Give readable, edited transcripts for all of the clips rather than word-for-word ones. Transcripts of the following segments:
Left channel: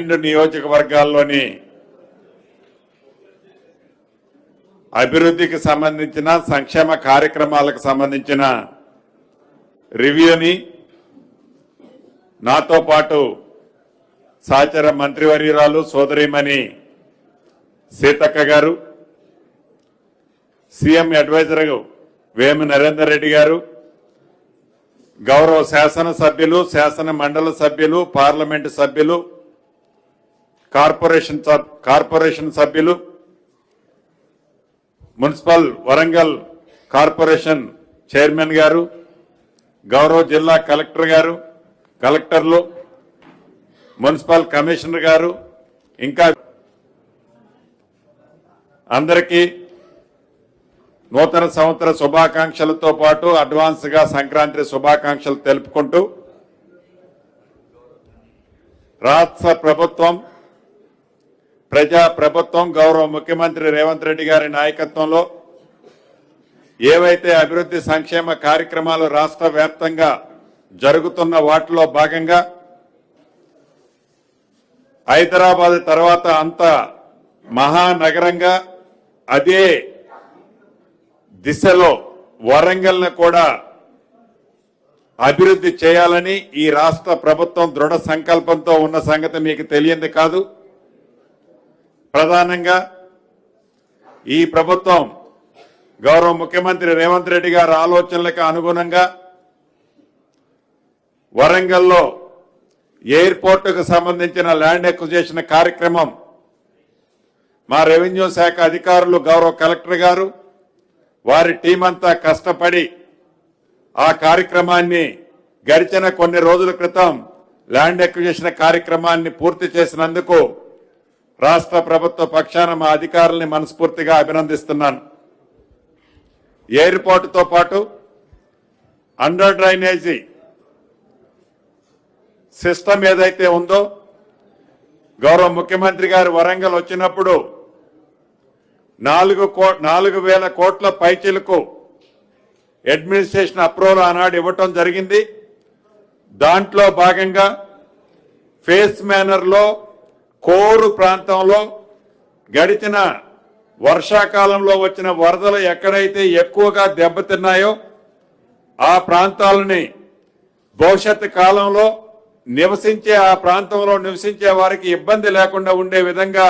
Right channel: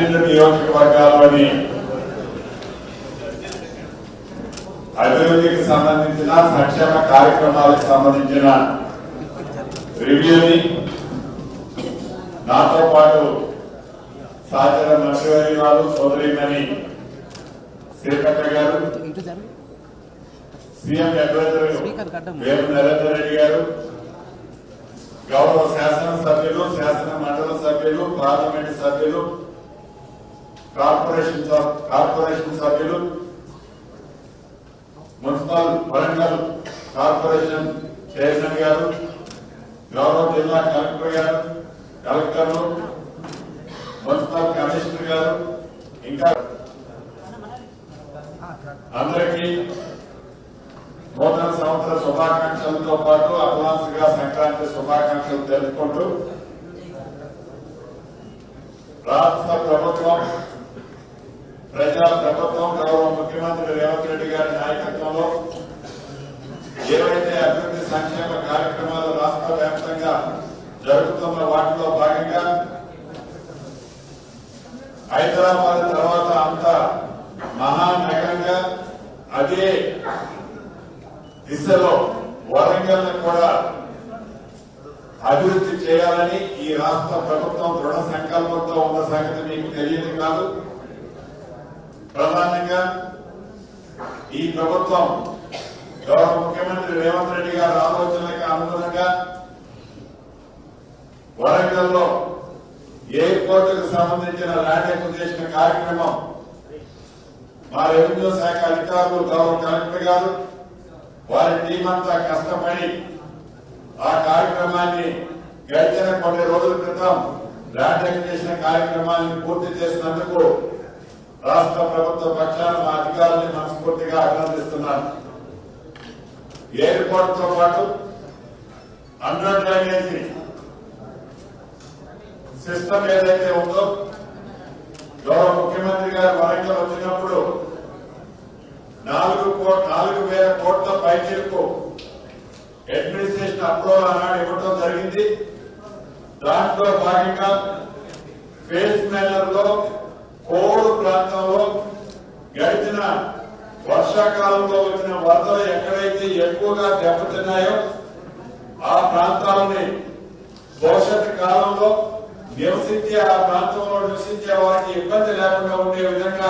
12 నియోజకవర్గాల్లోని అభివృద్ధికి సంబంధించిన సంక్షేమ కార్యక్రమాలకు సంబంధించిన రివ్యూని నాతో పాటు సహచర మంత్రివర్యురాలు సోదరిమణి సీతక్క గారు, సీఎం అడ్వైజర్ వేము నరేందర్ రెడ్డి గారు, గౌరవ శాసనసభ్యులు, శాసన మండలి సభ్యులు, పార్లమెంటు సభ్యులు, కార్పొరేషన్ సభ్యులు, మున్సిపల్ వరంగల్ కార్పొరేషన్ చైర్మన్ గారు, గౌరవ జిల్లా కలెక్టర్ గారు, కలెక్టర్లు, మున్సిపల్ కమిషనర్ గారు, ఇంకా అందరికీ నూతన సంవత్సర శుభాకాంక్షలతో పాటు అడ్వాన్స్ గా సంక్రాంతి శుభాకాంక్షలు తెలుపుకుంటూ రాష్ట్ర ప్రభుత్వం, ప్రజా ప్రభుత్వం, గౌరవ ముఖ్యమంత్రి రేవంత్ రెడ్డి గారి నాయకత్వంలో ఏవైతే అభివృద్ధి సంక్షేమ కార్యక్రమాలు రాష్ట్ర వ్యాప్తంగా జరుగుతున్న వాటిలో భాగంగా హైదరాబాద్ తర్వాత అంత మహానగరంగా అదే దిశలో వరంగల్ను కూడా అభివృద్ధి చేయాలని ఈ రాష్ట్ర ప్రభుత్వం దృఢ సంకల్పంతో ఉన్న సంగతి మీకు తెలియంది కాదు. ప్రధానంగా ఈ ప్రభుత్వం గౌరవ ముఖ్యమంత్రి రేవంత్ రెడ్డి గారి ఆలోచనలకు అనుగుణంగా వరంగల్లో ఎయిర్పోర్టుకు సంబంధించిన ల్యాండ్ ఎక్విజిషన్ కార్యక్రమం మా రెవెన్యూ శాఖ అధికారులు, గౌరవ కలెక్టర్ గారు, వారి టీం అంతా కష్టపడి ఆ కార్యక్రమాన్ని గడిచిన కొన్ని రోజుల క్రితం ల్యాండ్ ఎక్విజిషన్ కార్యక్రమాన్ని పూర్తి చేసినందుకు రాష్ట్ర ప్రభుత్వ పక్షాన మా అధికారుల్ని మనస్ఫూర్తిగా అభినందిస్తున్నాను. ఎయిర్పోర్టుతో పాటు అండర్ డ్రైనేజీ సిస్టమ్ ఏదైతే ఉందో, గౌరవ ముఖ్యమంత్రి గారు వరంగల్ వచ్చినప్పుడు 4,000 కోట్ల పైచీలకు అడ్మినిస్ట్రేషన్ అప్రూవల్ ఆనాడు ఇవ్వటం జరిగింది. దాంట్లో భాగంగా ఫేస్ మేనర్లో కోరు ప్రాంతంలో గడిచిన వర్షాకాలంలో వచ్చిన వరదలు ఎక్కడైతే ఎక్కువగా దెబ్బతిన్నాయో ఆ ప్రాంతాలని భవిష్యత్తు కాలంలో ఆ ప్రాంతంలో నివసించే వారికి ఇబ్బంది లేకుండా ఉండే విధంగా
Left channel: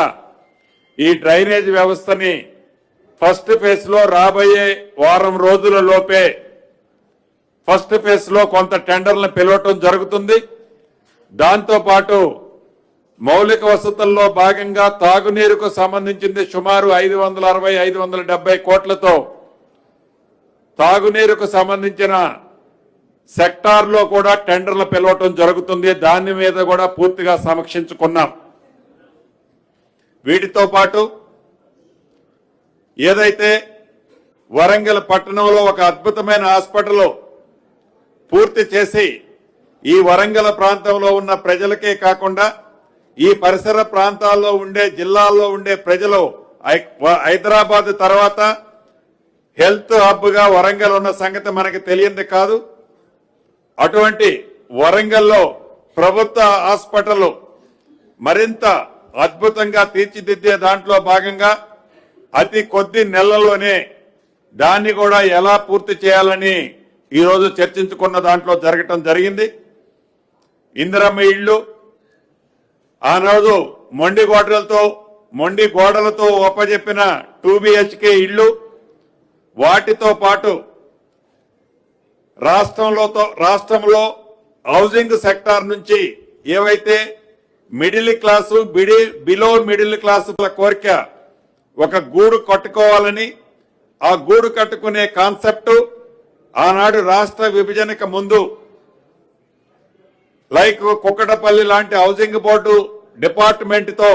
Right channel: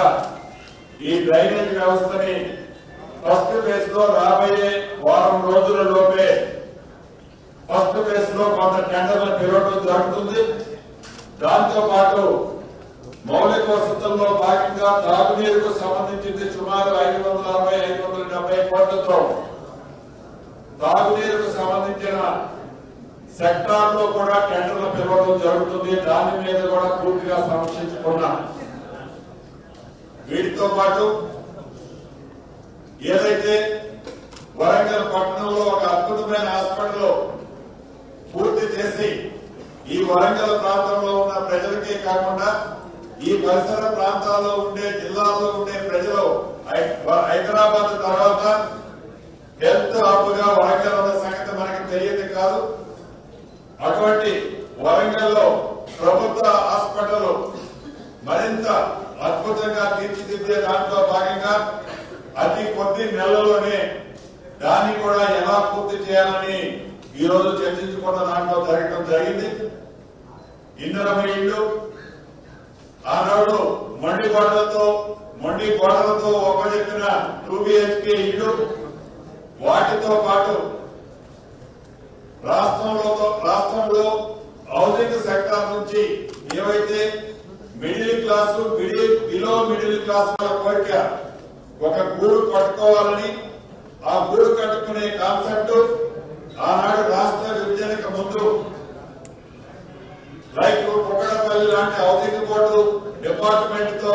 ఈ డ్రైనేజ్ వ్యవస్థని ఫస్ట్ ఫేజ్ లో రాబోయే వారం రోజుల లోపే ఫస్ట్ ఫేజ్ లో కొంత టెండర్లను పిలవటం జరుగుతుంది. దాంతో పాటు మౌలిక వసతుల్లో భాగంగా తాగునీరుకు సంబంధించింది సుమారు 560-570 కోట్లతో తాగునీరుకు సంబంధించిన సెక్టార్లో కూడా టెండర్లు పిలవటం జరుగుతుంది. దాని మీద కూడా పూర్తిగా సమీక్షించుకున్నాం. వీటితో పాటు ఏదైతే వరంగల్ పట్టణంలో ఒక అద్భుతమైన హాస్పిటల్ పూర్తి చేసి ఈ వరంగల్ ప్రాంతంలో ఉన్న ప్రజలకే కాకుండా ఈ పరిసర ప్రాంతాల్లో ఉండే జిల్లాల్లో ఉండే ప్రజలు హైదరాబాద్ తర్వాత హెల్త్ హబ్ గా వరంగల్ ఉన్న సంగతి మనకి తెలియంది కాదు. అటువంటి వరంగల్లో ప్రభుత్వ హాస్పిటల్ మరింత అద్భుతంగా తీర్చిదిద్దే దాంట్లో భాగంగా అతి కొద్ది నెలల్లోనే దాన్ని కూడా ఎలా పూర్తి చేయాలని ఈరోజు చర్చించుకున్న దాంట్లో జరగటం జరిగింది. ఇందిరమ్మ ఇళ్ళు ఆనాడు మొండి గోడలతో ఒప్పజెప్పిన 2 BHK ఇళ్ళు, వాటితో పాటు రాష్ట్రంలో హౌసింగ్ సెక్టార్ నుంచి ఏవైతే middle class below middle class కోరిక ఒక గూడు కట్టుకోవాలని, ఆ గూడు కట్టుకునే కాన్సెప్ట్ ఆనాడు రాష్ట్ర విభజనకు ముందు లైక్ కుక్కటపల్లి లాంటి హౌసింగ్ బోర్డు డిపార్ట్మెంట్ తో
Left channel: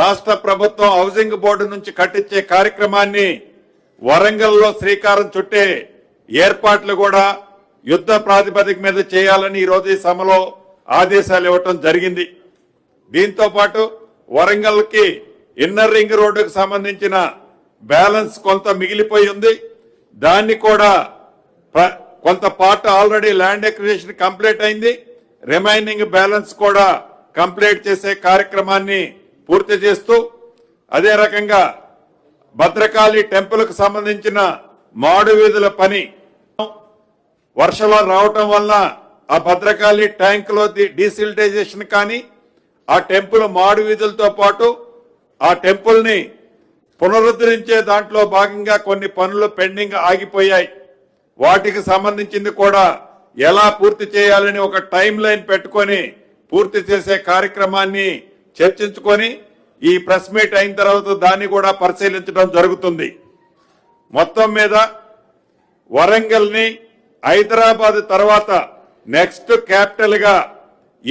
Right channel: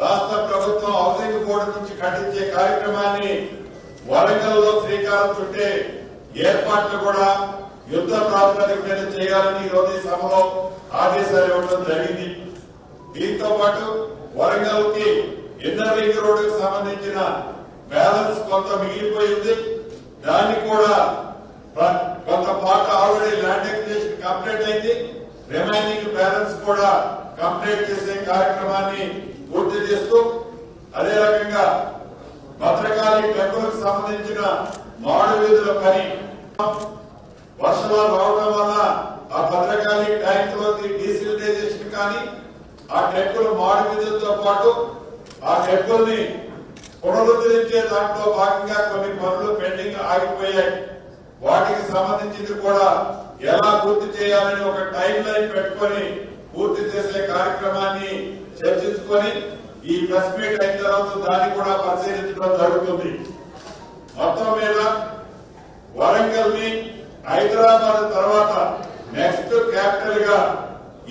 రాష్ట్ర ప్రభుత్వం హౌసింగ్ బోర్డు నుంచి కట్టించే కార్యక్రమాన్ని వరంగల్లో శ్రీకారం చుట్టే ఏర్పాట్లు కూడా యుద్ధ ప్రాతిపదిక మీద చేయాలని ఈరోజు ఈ సభలో ఆదేశాలు ఇవ్వటం జరిగింది. దీంతో పాటు వరంగల్ కి ఇన్నర్ రింగ్ రోడ్డుకు సంబంధించిన బ్యాలెన్స్ కొంత మిగిలిపోయి ఉంది. దాన్ని కూడా కొంత part already land acquisition complete అయింది. రిమైనింగ్ బ్యాలెన్స్ కూడా కంప్లీట్ చేసే కార్యక్రమాన్ని పూర్తి చేస్తూ అదే రకంగా భద్రకాళి టెంపుల్కి సంబంధించిన మాడు వీధుల పని వర్షాలు రావటం వల్ల ఆ భద్రకాళి ట్యాంక్ లో డీసిల్టైజేషన్ కానీ ఆ టెంపుల్ మాడు వీధులతో పాటు ఆ టెంపుల్ ని పునరుద్ధరించే దాంట్లో భాగంగా కొన్ని పనులు పెండింగ్ ఆగిపోయాయి. వాటికి సంబంధించింది కూడా ఎలా పూర్తి చేయాలని ఒక టైం లైన్ పెట్టుకొని పూర్తి చేసే కార్యక్రమాన్ని చర్చించుకొని ఈ ప్రెస్ మీట్ అయిన తర్వాత దాన్ని కూడా పరిశీలించడం జరుగుతుంది. మొత్తం మీద వరంగల్ ని హైదరాబాద్ తర్వాత నెక్స్ట్ క్యాపిటల్ గా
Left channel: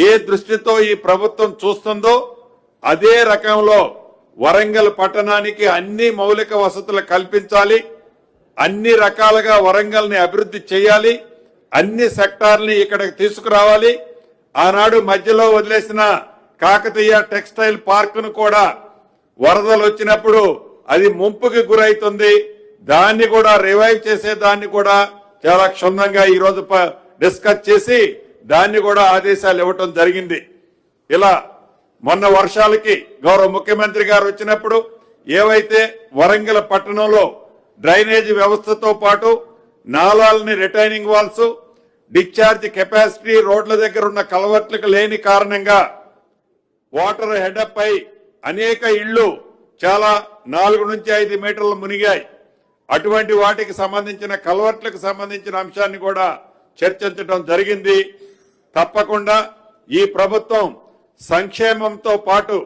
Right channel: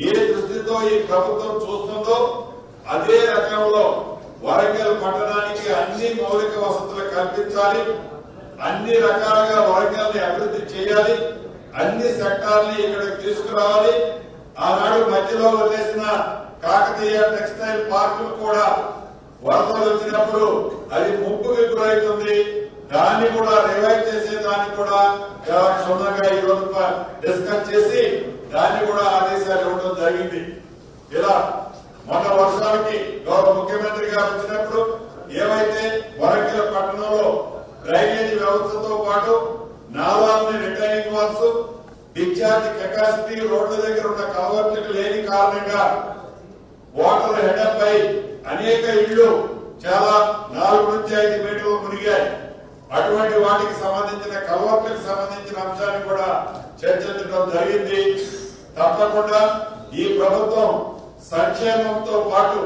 ఏ దృష్టితో ఈ ప్రభుత్వం చూస్తుందో అదే రకంలో వరంగల్ పట్టణానికి అన్ని మౌలిక వసతులు కల్పించాలి, అన్ని రకాలుగా వరంగల్ ని అభివృద్ధి చేయాలి, అన్ని సెక్టార్ని ఇక్కడికి తీసుకురావాలి. ఆనాడు మధ్యలో వదిలేసిన కాకతీయ టెక్స్టైల్ పార్కును కూడా వరదలు వచ్చినప్పుడు అది ముంపుకి గురైతుంది, దాన్ని కూడా రివైవ్ చేసే దాన్ని కూడా చాలా క్షుణ్ణంగా ఈ రోజు డిస్కస్ చేసి దాన్ని కూడా ఆదేశాలు ఇవ్వటం జరిగింది. ఇలా మొన్న వర్షాలకి గౌరవ ముఖ్యమంత్రి గారు వచ్చినప్పుడు ఏవైతే వరంగల్ పట్టణంలో డ్రైనేజ్ వ్యవస్థతో పాటు నాలాలని రిటైనింగ్ వాల్స్ డిశ్చార్జ్ కెపాసిటీ రోడ్ల దగ్గర ఉన్న కలవర్ట్లకు లేని కారణంగా వాటర్ హెడప్ అయి అనేక ఇళ్లు చాలా 4 నుంచి 5 మీటర్లు మునిగాయి. అటువంటి వాటికి సంబంధించిన కలవర్ట్లకు సంబంధించిన అంశాన్ని కూడా చర్చించడం జరిగింది. తప్పకుండా ఈ ప్రభుత్వం సంక్షేమంతో పాటు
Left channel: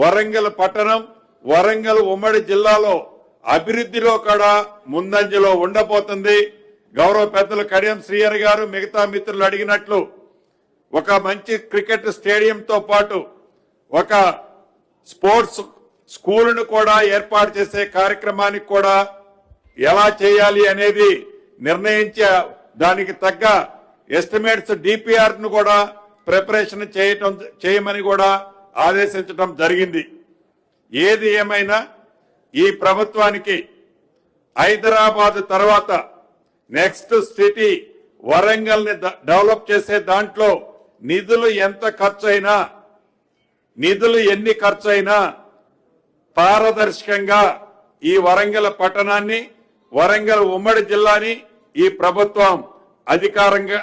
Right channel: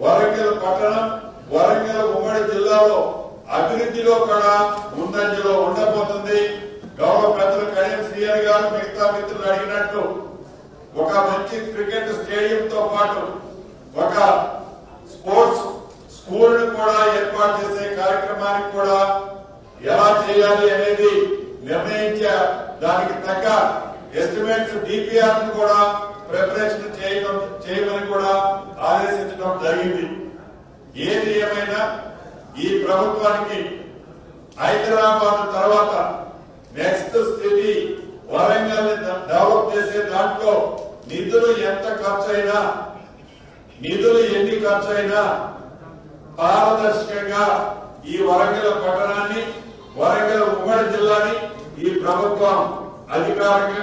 వరంగల్ పట్టణం వరంగల్ ఉమ్మడి జిల్లాలో అభివృద్ధిలో కూడా ముందంజలో ఉండబోతుంది. గౌరవ పెద్దలు కడియం శ్రీహరి గారు మిగతా మిత్రులు అడిగినట్లు ఒక మంచి క్రికెట్ స్టేడియంతో పాటు ఒక స్పోర్ట్స్ స్కూల్ను కూడా ఏర్పాటు చేసే కార్యక్రమానికి కూడా ఎలా చేయాలి అనేది నిర్ణయించే దానికి తగ్గ ఎస్టిమేట్స్ డిపిఆర్ ను కూడా ప్రిపరేషన్ చేయమని కూడా ఆదేశించడం జరిగింది. ఏది ఏమైనా ఈ ప్రభుత్వానికి హైదరాబాద్ తర్వాత నెక్స్ట్ సిటీ వరంగల్ ని డెవలప్ చేసే దాంట్లో నిధులు ఎంత ఖర్చు అయినా నిధులు ఎన్ని ఖర్చు అయినా పారదర్శకంగా ఈ వరంగల్ పట్టణాన్ని వరంగల్ ఉమ్మడి జిల్లాని ఈ ప్రభుత్వం అధికారంగా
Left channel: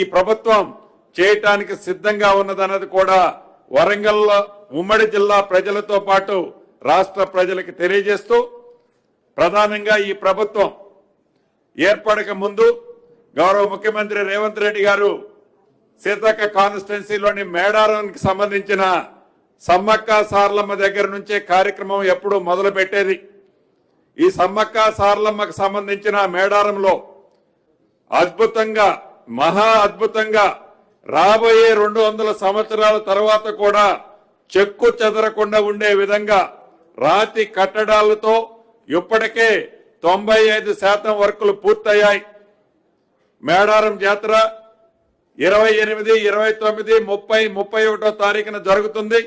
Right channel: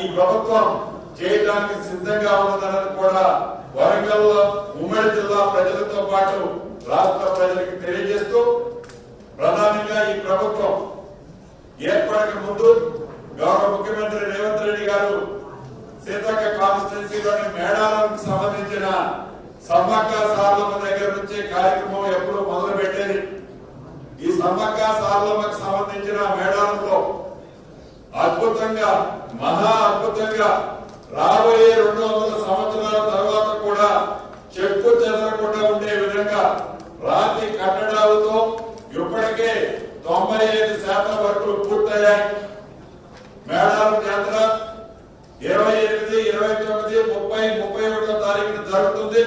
ఈ ప్రభుత్వం చేయడానికి సిద్ధంగా ఉన్నదన్నది కూడా వరంగల్ ఉమ్మడి జిల్లా ప్రజలతో పాటు రాష్ట్ర ప్రజలకు తెలియజేస్తూ ప్రధానంగా ఈ ప్రభుత్వం ఏర్పడక ముందు గౌరవ ముఖ్యమంత్రి రేవంత్ రెడ్డి గారు సీతక్క కాన్స్టిట్యున్సీలోని మేడారానికి సంబంధించిన సమ్మక్క సారలమ్మ దగ్గర నుంచే కార్యక్రమం ఎప్పుడు మొదలు పెట్టేది. ఈ సమ్మక్క సారలమ్మకు సంబంధించిన మేడారంలో అద్భుతంగా మహా అద్భుతంగా రాబోయే 200 సంవత్సరాల తర్వాత కూడా చెక్కు చెదరకుండా ఉండే విధంగా రాతి కట్టడాలతో ఇప్పటికే 95% వర్కులు పూర్తయ్యాయి. మేడారం జాతర 28, 29, 30, 31 తారీఖున జరుగుతుంది.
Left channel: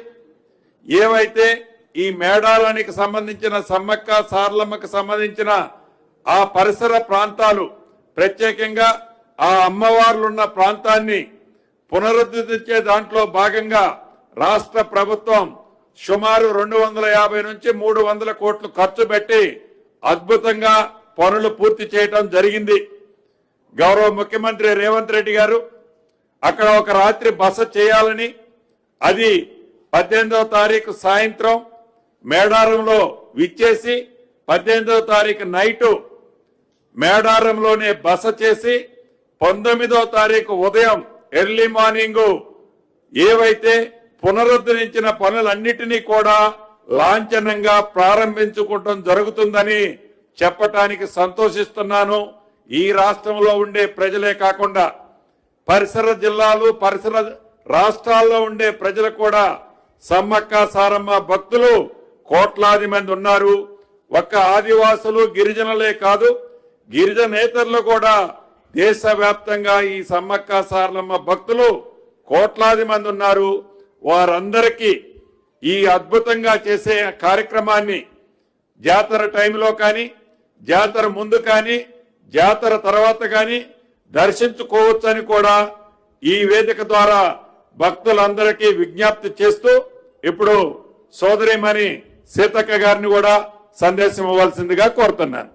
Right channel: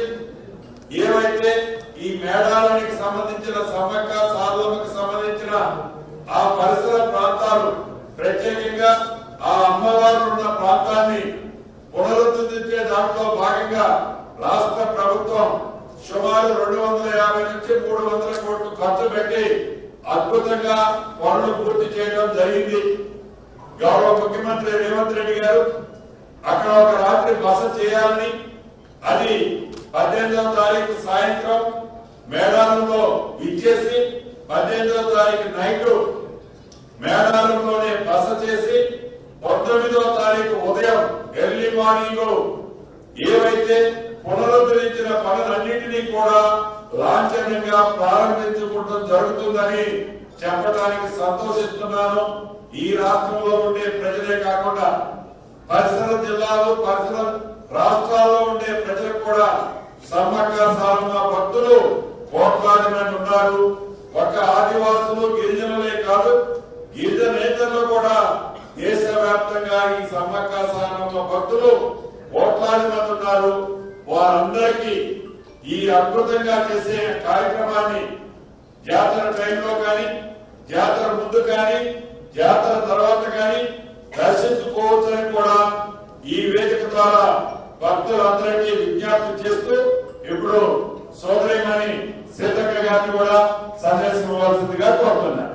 ఏవైతే ఈ మేడారానికి సంబంధించిన సమ్మక్క సారలమ్మకు సంబంధించిన ఆ పరిసర ప్రాంతాలు ప్రత్యేకంగా ఆ అమ్మవారు ఉన్న ప్రాంతాన్ని పునరుద్ధరించే దాంట్లో భాగంగా రాష్ట్ర ప్రభుత్వం సుమారు 250 నుంచి 300 కోట్లు ఖర్చు పెట్టి అద్భుతంగా పనులు పూర్తి చేయడం జరిగింది. గౌరవ ముఖ్యమంత్రి రేవంత్ రెడ్డి గారు అక్కడ ఒక రాత్రి బస చేయాలని అది 18వ తారీఖు సాయంత్రం మేడారంలో విచ్చేసి 18వ తారీఖు నైటు మేడారంలోనే బస చేసి 19వ తారీఖు ఉదయం ఎర్లీ మార్నింగ్ ఏవైతే పునరుద్ధరించిన పనులన్నిటినీ కూడా లాంఛనంగా ప్రారంభించుకోవడం జరుగుతుందని చెప్పటానికి సంతోషిస్తున్నాను. ఈ రాష్ట్రంలో ఉండే ప్రజలే కాకుండా పరిసర జిల్లాలు పరిసర రాష్ట్రాల్లో ఉండే ప్రజలు కూడా సమ్మక్క సారమ్మ భక్తులు కోట్లాది మంది ఉన్నారు. ఒక్క ఆదివాసులు గిరిజనులే కాదు, గిరిజనేతరులు కూడా దేశవ్యాప్తంగా ఈ సమ్మక్క సారమ్మ భక్తులు కోట్లాది మంది ఉన్నారు. వారందరికీ ఈ అద్భుతంగా చేసే కార్యక్రమాన్ని జాతర టైంలో కానీ జాతర ముందు కానీ జాతర తర్వాత కానీ దర్శించుకోవచ్చని కూడా ఈ వేదిక ద్వారా భక్తులందరికీ విజ్ఞప్తి చేస్తూ ఇప్పుడు సోదరిమణి సీతక్క గారిని కూడా సందేశం ఇవ్వాల్సిందిగా కోరుతున్నారు.